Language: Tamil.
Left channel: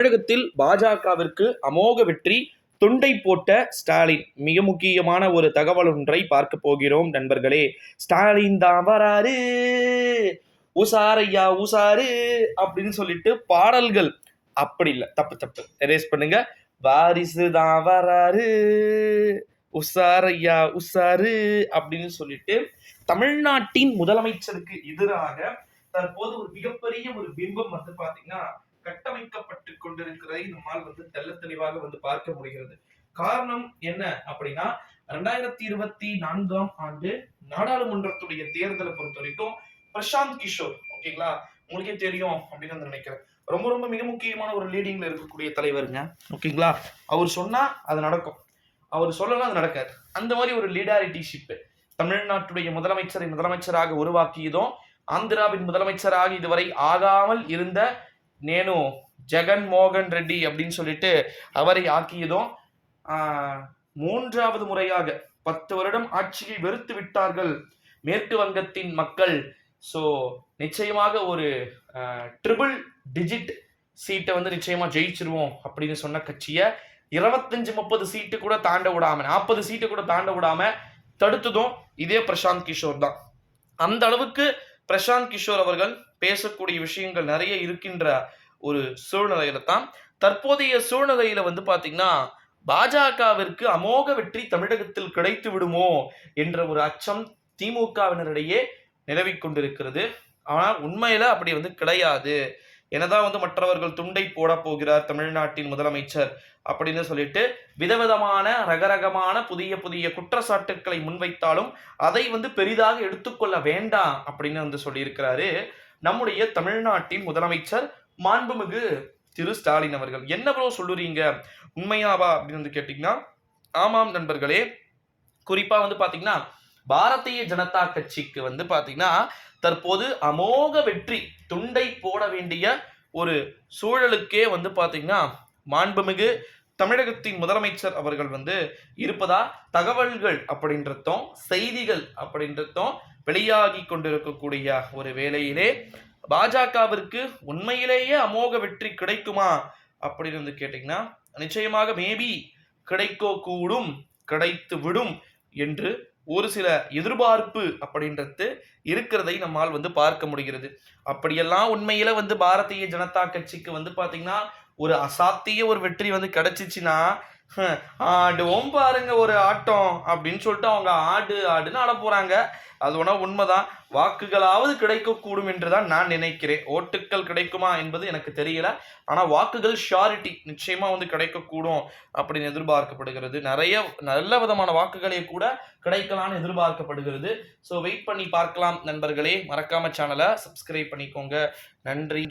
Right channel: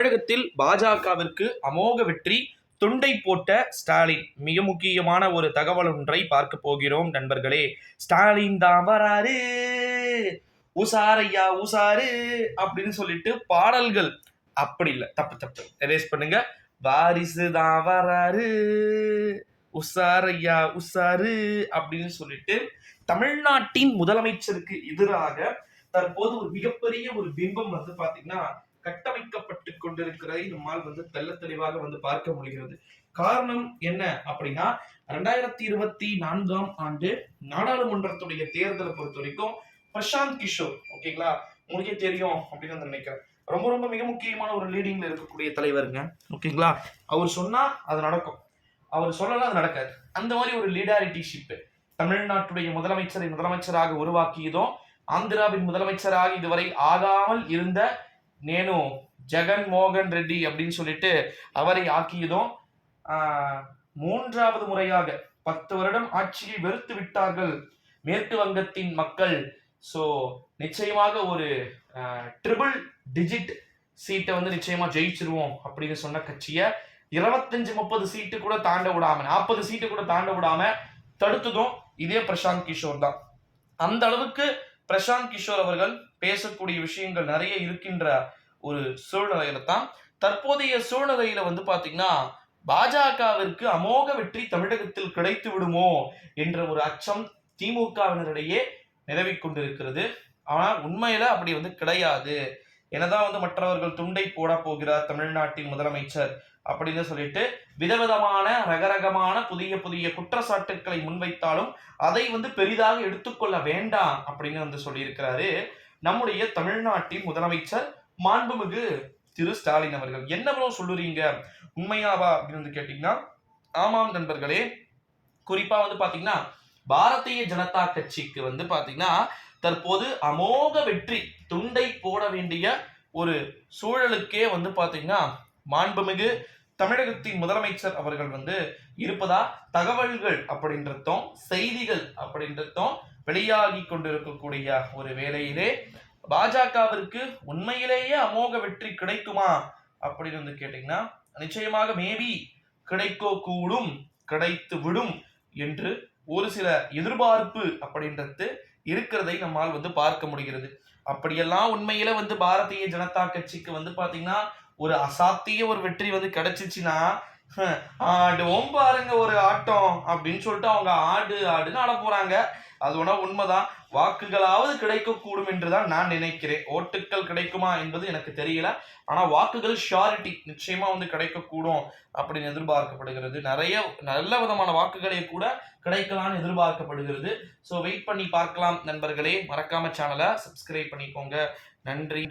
தமிழகத்தில் பாஜகவிற்கு அமோக வெற்றி, துண்டை போட்ட ஸ்டாலின். மிக முக்கியமான ஒரு தகவல் ஒன்றை பார்க்க போகிறோம் நண்பர்களே. ஸ்டாலின் தான் வராரு, உசாரையா உசாரு அப்படின்னு சொல்லிட்டு பாடல்கள். அப்படி இல்லை, தப்பு தப்பு, எரேஸ் பண்ணுங்க. வாரிசு தான் வராரு, உசாரையா உசாரு அப்படின்னு சொல்லிட்டு தமிழ்நாட்டின் முதலமைச்சருக்கு எதிராக தற்போது ஒரு மிகப்பெரிய ஒரு பிம்பம் வந்து பாத்தீங்கன்னா கட்டமைக்கப்பட்டு கொண்டிருக்கிறதை நம்மால் தெள்ள தெளிவாக பார்க்க முடிகிறது. காரணம் என்ன அப்படின்னா 2024 ஆண்டு நாடாளுமன்றத்துடைய தேர்தலை பொறுத்த வரைக்கும் பிரசாந்த் கிஷோர், ஓகேங்களா, உங்களுக்கே தெரியும் அப்படின்னு நினைக்கிறேன். ரொம்ப ரொம்ப மிக முக்கியமான ஒரு லீடிங்ல இருக்கக்கூடிய தலைவருங்க, ஓகேங்களா. அவர் சொன்னா அது நடக்கும், அவர் சொல்லலாம் அது நடக்காது. அந்த மாதிரி ஒரு லீடாரிட்டிஷிப் தமிழ்நாட்டுடைய முதலமைச்சராக உருவாக்கியதும், ஆந்திராவின் முதலமைச்சராக இதுவரை ஆகாமல் இருந்த நேனு ஜெகன் மோகன் ரெட்டி அப்படின்னு சொல்லிட்டு அவரை ஆக்கியதும், மூன்றாவது முறையாக 10 வருடம் ஆட்சியை வெறுத்து விட்டார்கள் மேற்கு வங்கத்தின் மக்கள். ஸோ நிச்சயமாக ஒரு ட்ரிபிள் டிஜிட் சீட்டை நிச்சயமா ஜெயிச்சிருவோம் அப்படின்னு சொன்ன கட்சியை 25-30 சீட்டு கூட தாண்ட விடாம, 40 சீட்டு கூட தாண்ட விடாம தடுத்ததும் இதே பிரசாந்த் கிஷோர் தான். அந்த அளவுக்கு பிரசாந்த் கிஷோர் அவர்கள் பேசக்கூடிய விஷயங்கள் நிறைய இருக்கின்ற ஒரு சூழ்நிலையில தான் தற்போதைய சூழ்நிலையில பாத்தீங்கன்னா பாஜகவிற்கு அமோக வெற்றி தமிழகத்தில் கிடைத்து விடுமோ என்ற ஒரு அச்சம் திமுகவினரிடையே நிலவிக் கொண்டிருக்கிறது. ஆனால் உண்மையில அப்படி கிடையாது. என்னதான் மற்றவர்கள் துண்டை போட போகிறார் தமிழ்நாட்டின் முதலமைச்சர் அப்படின்னு சொல்லிட்டு விதவிதமான ரகரகமான புதிய புதிய குற்றச்சாட்டுக்களை முன்வைத்தாலும் அதை பெரிதாக எடுத்துக்கொள்ள வேண்டாம் அப்படின்னு சொல்லியிருக்கிறாரு நம்முடைய தமிழ்நாட்டின் முதலமைச்சர் மாண்புமிகு திரு ஸ்டாலின் அவர்கள். என்ன ப்ரோ சொல்லுறீங்க, உண்மையாவா அப்படின்னு கேட்டீங்கன்னா, ஆமாம் நண்பர்களே. குறிப்பா பாத்தீங்கன்னா பாரதிய ஜனதா கட்சிக்கு பாத்தீங்கன்னா தற்போது அமோக வெற்றி, துண்டை போட வேண்டிய ஒரு சூழலுக்கே பாத்தீங்கன்னா மாண்புமிகு தமிழகத்தின் முதலமைச்சர் அவர்கள் இருப்பதா தகவல்கள் அப்படின்றதும் செய்திகள் அப்படின்றதும் வெளியாகி கொண்டிருக்கக்கூடிய ஒரு வேளையிலே பாஜகவிற்கு உண்மையிலேயே அமோக வெற்றி கிடைக்குமா அப்படின்னு கேட்டீங்கன்னா, நிச்சயமாக மேபி கிடைக்க கூடும், கிடைத்து விடும் என்று ஒரு சில எதிர்பார்ப்பு அப்படின்றது இருக்கிறதை நம்மால் பார்க்க முடிகிறது. அப்படியெல்லாம் உண்மையில பாரதிய ஜனதா கட்சிக்கு பாத்தீங்கன்னா ஒரு அசாத்திய ஒரு வெற்றி கிடைச்சிச்சுன்னா, ஆடுவோம் பாருங்க ஒரு ஆட்டம் அப்படின்னு சொல்லிட்டு அவங்க ஆடுன்னு ஆட போறாங்க. அது ஒன்றா உண்மைதான். வாக்குகளாவது கிடைக்கக்கூடும் என்றுதான் நான் நினைக்கிறேன். ஓட்டுக்கள் கிடைக்குமா என்பது எனக்கு தெரியல. ஆனா வாக்குகள் ஷியாரிட்டி நிச்சயமா கிடைக்கக்கூடும் அப்படின்னு எதிர்பார்க்கப்படுகிறது. நிறைய நல்ல விதமான வாக்குகளே கூட கிடைக்கலாம்னு எதிர்பார்க்கப்படுகிறது. ஸோ வெயிட் பண்ணி பார்க்கலாம் நண்பர்களே. மறக்காம சேனலை சப்ஸ்கிரைப் பண்ணிக்கோங்க. நன்றி.